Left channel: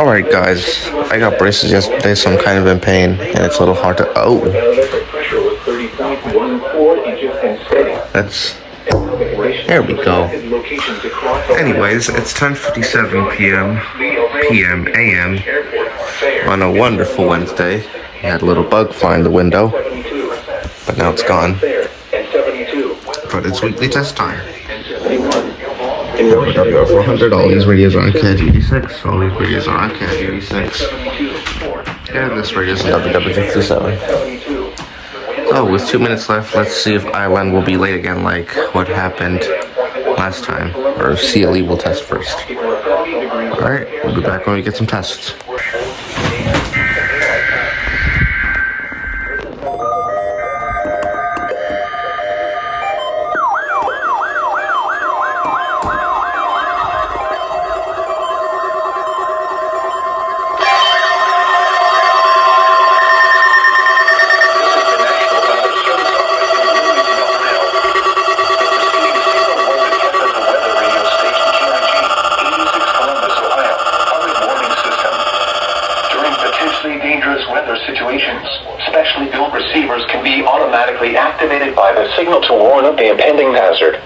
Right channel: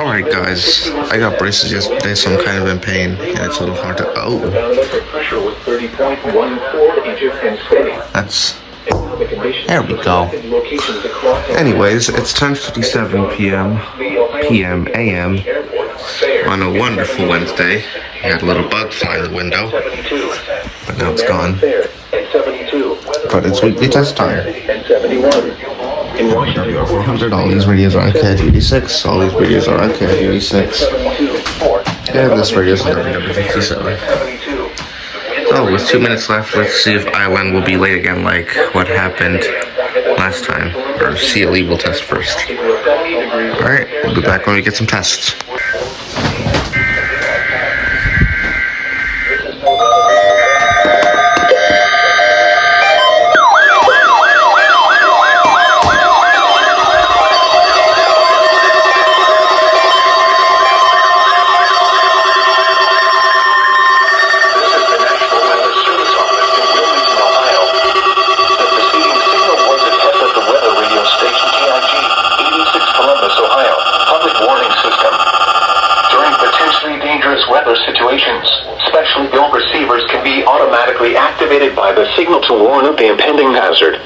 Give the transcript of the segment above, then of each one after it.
Alright guys, I got braces yesterday, so I'm kind of in pain, and it's a little hard to, there we go. Anyways, it's 10:57 a.m. on a wonderful Wednesday. We had a little bug fly in the window, but now it's gone. But it's weekly test time. WR400, all these radios are on KG86, all these radios are on KG86. And this radio's on WW57. So with 2 minutes left, let's see if Island will be late again like what happened last time. Or CLE will test first. Alright, we'll be back when we get some tests. Weather situations. Specially built receivers can be automatically activated by the signal to warn of the impending hazard.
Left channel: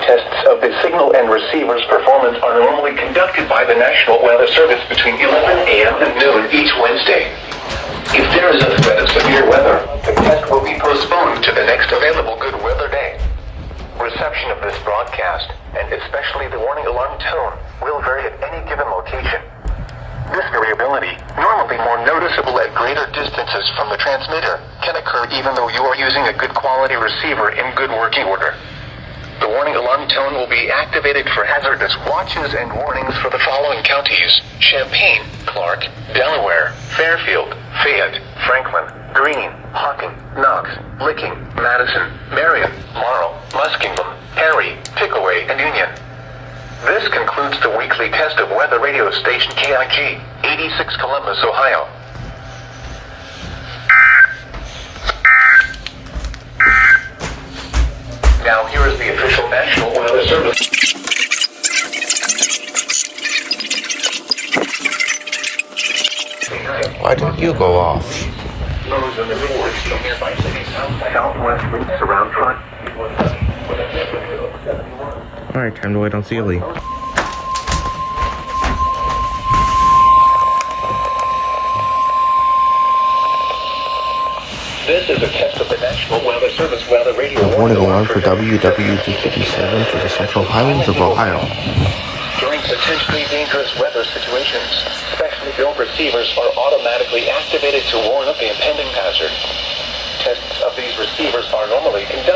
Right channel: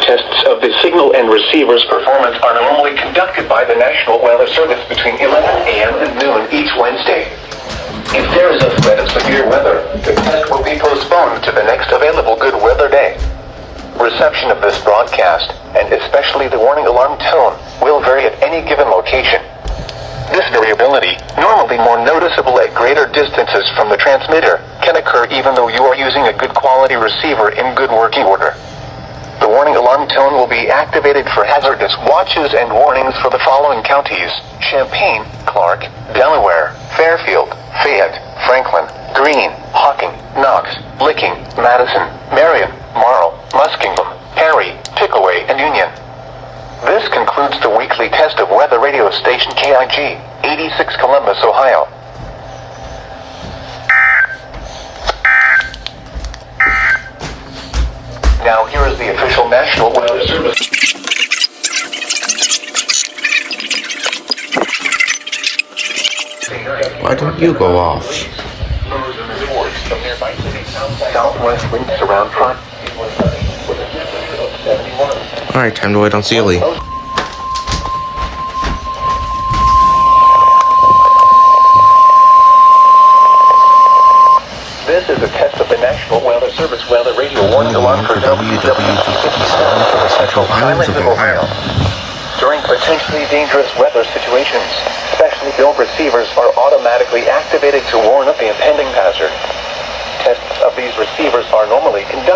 Tests of the signal and receiver's performance are normally conducted by the National Weather Service between 11 a.m. and noon each Wednesday. If there is a threat of severe weather, the test will be postponed to the next available good weather day. Reception of this broadcast, and especially the warning alarm tone, will vary at any given location. This variability, normally more noticeable at greater distances from the transmitter, can occur even though you are using a good quality receiver in good working order. The warning alarm tone will be activated for hazardous watches and warnings for the following counties: Champaign, Clark, Delaware, Fairfield, Fayette, Franklin, Greene, Hocking, Knox, Licking, Madison, Marion, Morrow, Muskingum, Perry, Pickaway, and Union. This concludes the weekly test of weather radio station KIG, 86 Columbus, Ohio. Now here is the official National Weather Service. Why didn't you go off? Southwest winds around front. Alright, time to wait on CLE. This is a test of the National Weather Service weather radio warning alarm for WW257 for the Central Highlands of Ohio. During potentially dangerous weather situations, specially built receivers are automatically activated to warn of the impending hazard. Tests of these receivers are normally conducted